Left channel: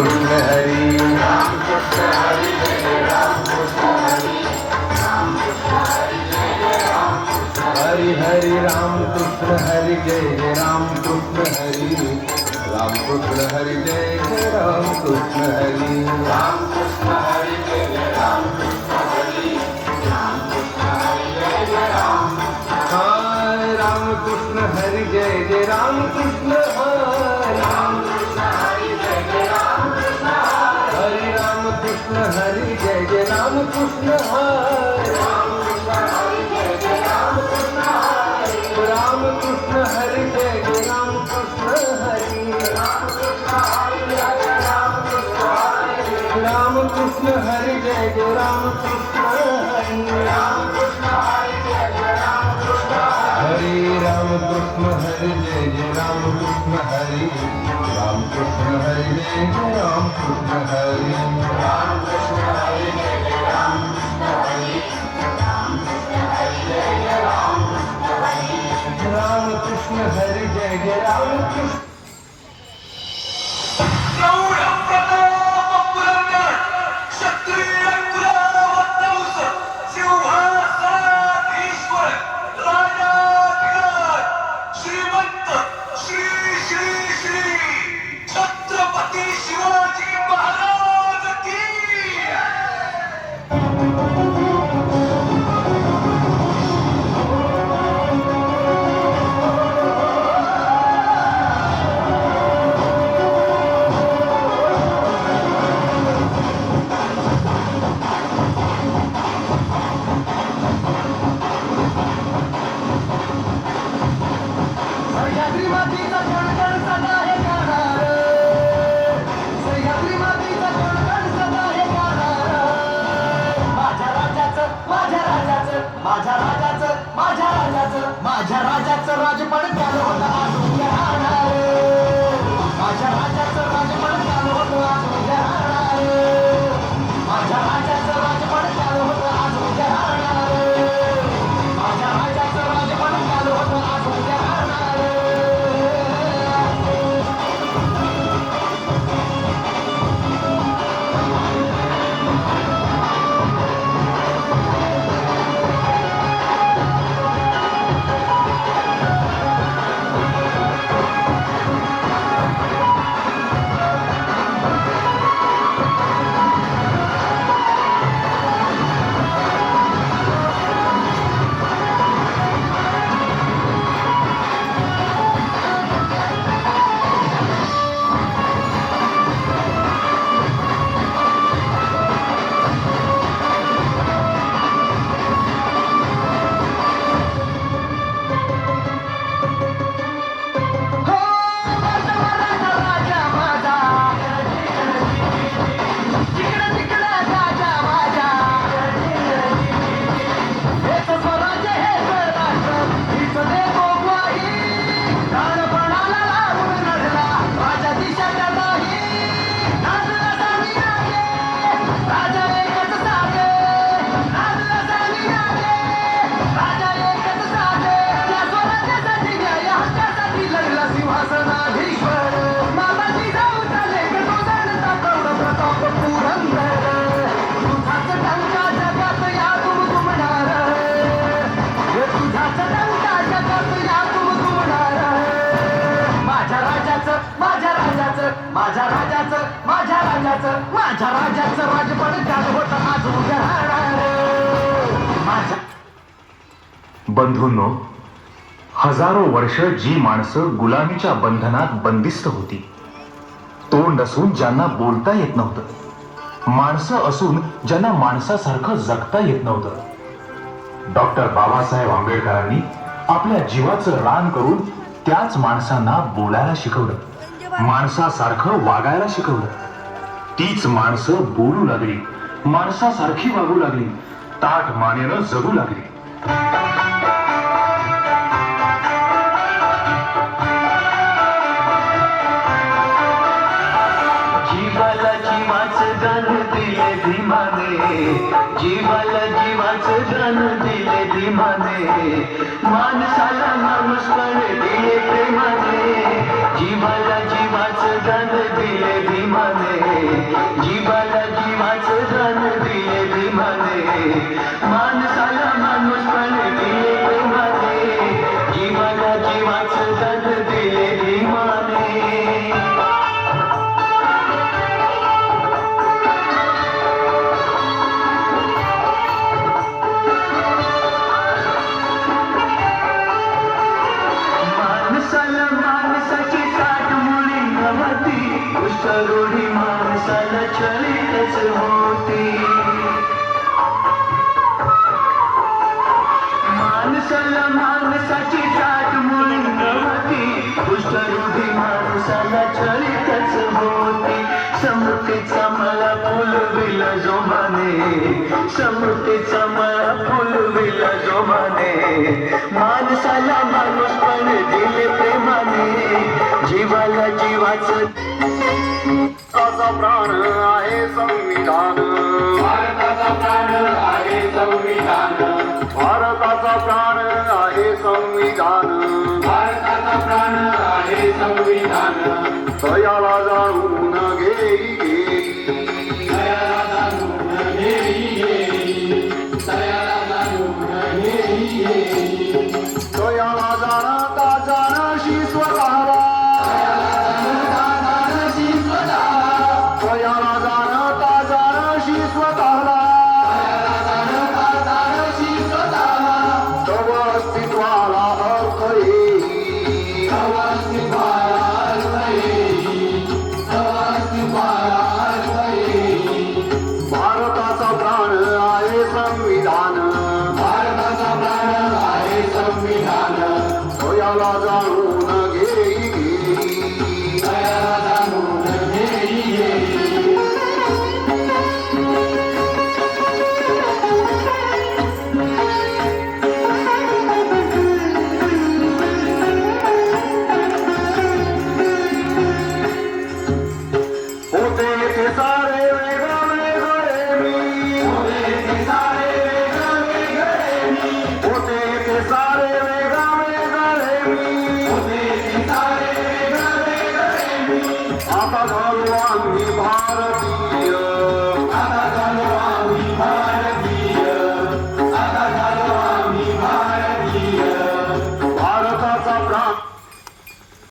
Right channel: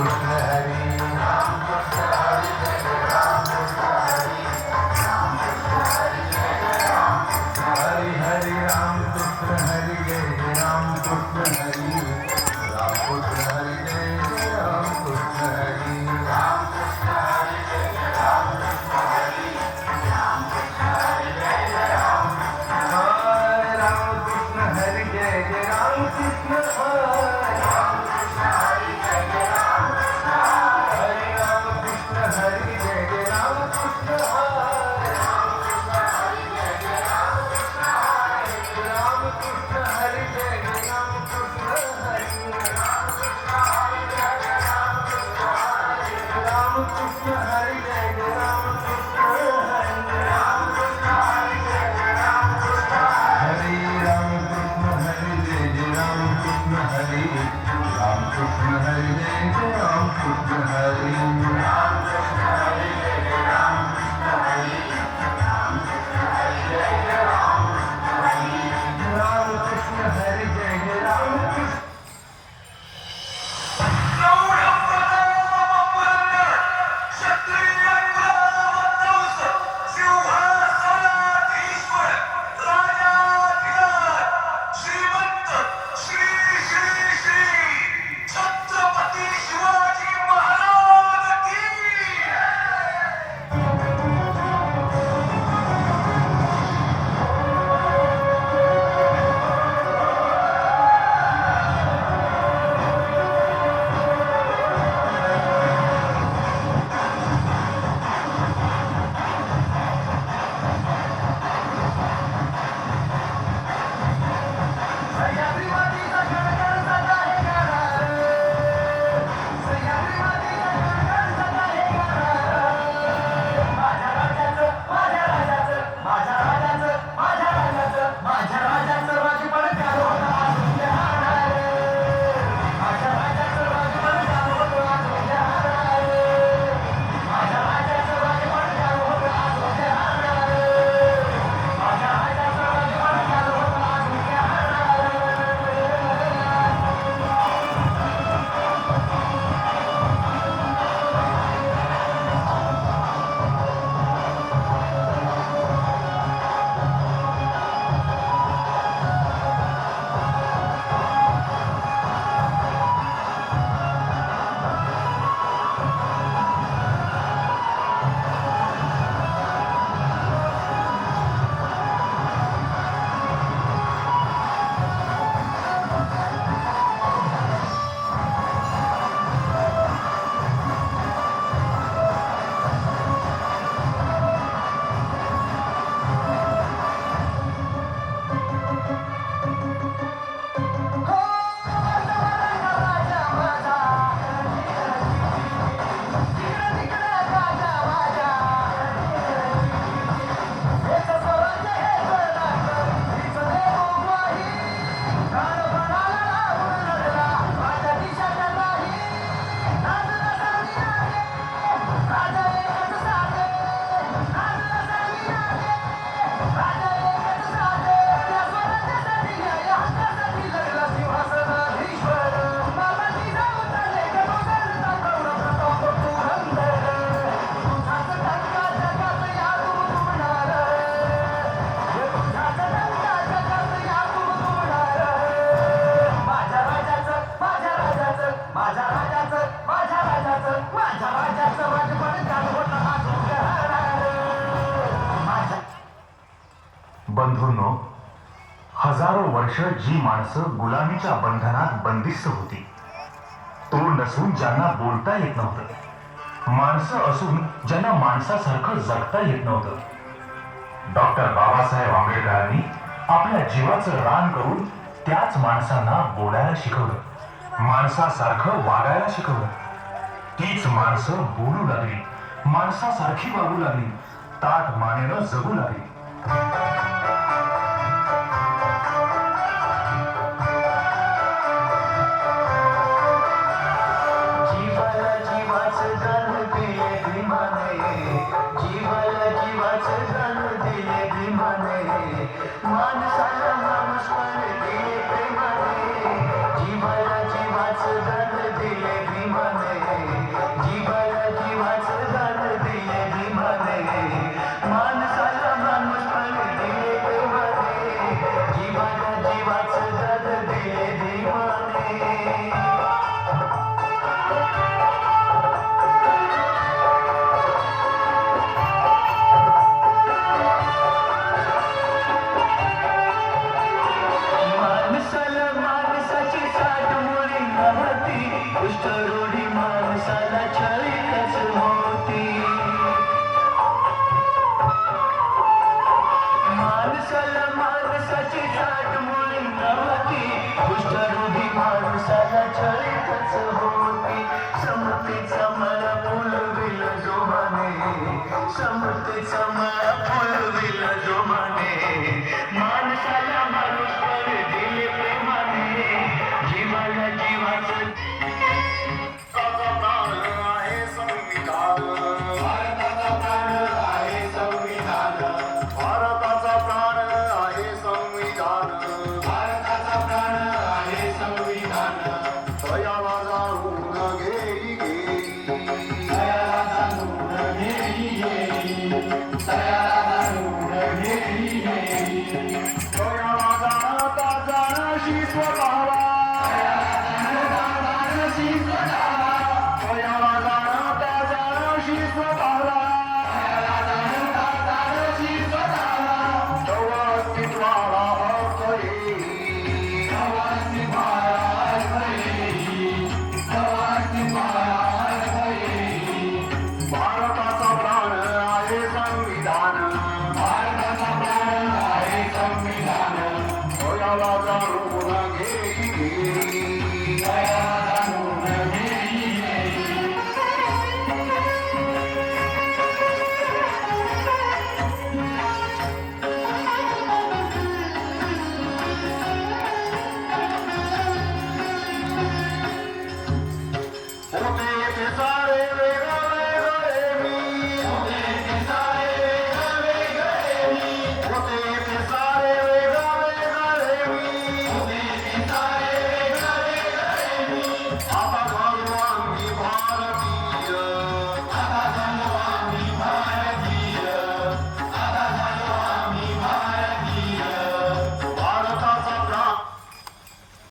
कृष्ण हरी हरि हरि राम कृष्ण हरि जय जय राम कृष्ण हरि राम कृष्ण हरि जय जय राम कृष्ण हरि राम कृष्ण हरि जय जय राम कृष्ण हरि राम कृष्ण हरि जय जय राम हरि जय जय राम कृष्ण हरि राम कृष्ण हरि जय जय राम कृष्ण हरि राम कृष्ण हरि जय जय राम कृष्ण हरि राम कृष्ण हरि जय जय राम कृष्ण हरि राम कृष्ण हरि जय जय राम कृष्ण हरि राम कृष्ण हरि जय जय राम कृष्ण हरि राम कृष्ण हरि जय जय राम कृष्ण हरि राम कृष्ण हरि जय जय राम कृष्ण हरि राम कृष्ण हरि जय जय राम राम कृष्ण हरि जय जय राम कृष्ण बंधूंनो, हजारो वर्ष जी माणसं गुलामीच्या बंधनात बंदिस्त होती, तोंड असून ज्यांना बोलता येत नव्हतं, माणसं असून ज्यांना माणसासारखं जगता येत नव्हतं, डॉक्टर बाबासाहेब आंबेडकरांनी आपल्या जीवाचं रान करून त्याच माणसांना बोलायला शिकवलं, माणसासारखं वागायला शिकवलं. तीच माणसं बोलू लागली, माणसासारखी वागू लागली, ताठ मानेनं जगू लागली. जीवाला जीवाचं दान दिले धीमाने, जीवाला जीवाचं दान दिले धीमाने, माणसाला माणूस पण दिले प्रेमाने, जीवाला जीवाचं दान दिले धीमाने. धीमाने जीवाला जीवाचं दान दिले धीमाने माणसाला माणूस पण दिले प्रेमाने जीवाला जीवाचं दान दिले धीमाने माणसाला माणसाची साठ मुळी नव्हती कुष्ठरोगी माणसाला चळीतच होती माणसाला माणसाची साठ मुळी नव्हती कुष्ठरोगी माणसाला चळीतच होती समतेचा मला फुलविला जोमाने समतेचा मला फुलविला जोमाने माणसाला माणूस पण दिले प्रेमाने जीवाला जीवाचं असा प्राण आहे संविधान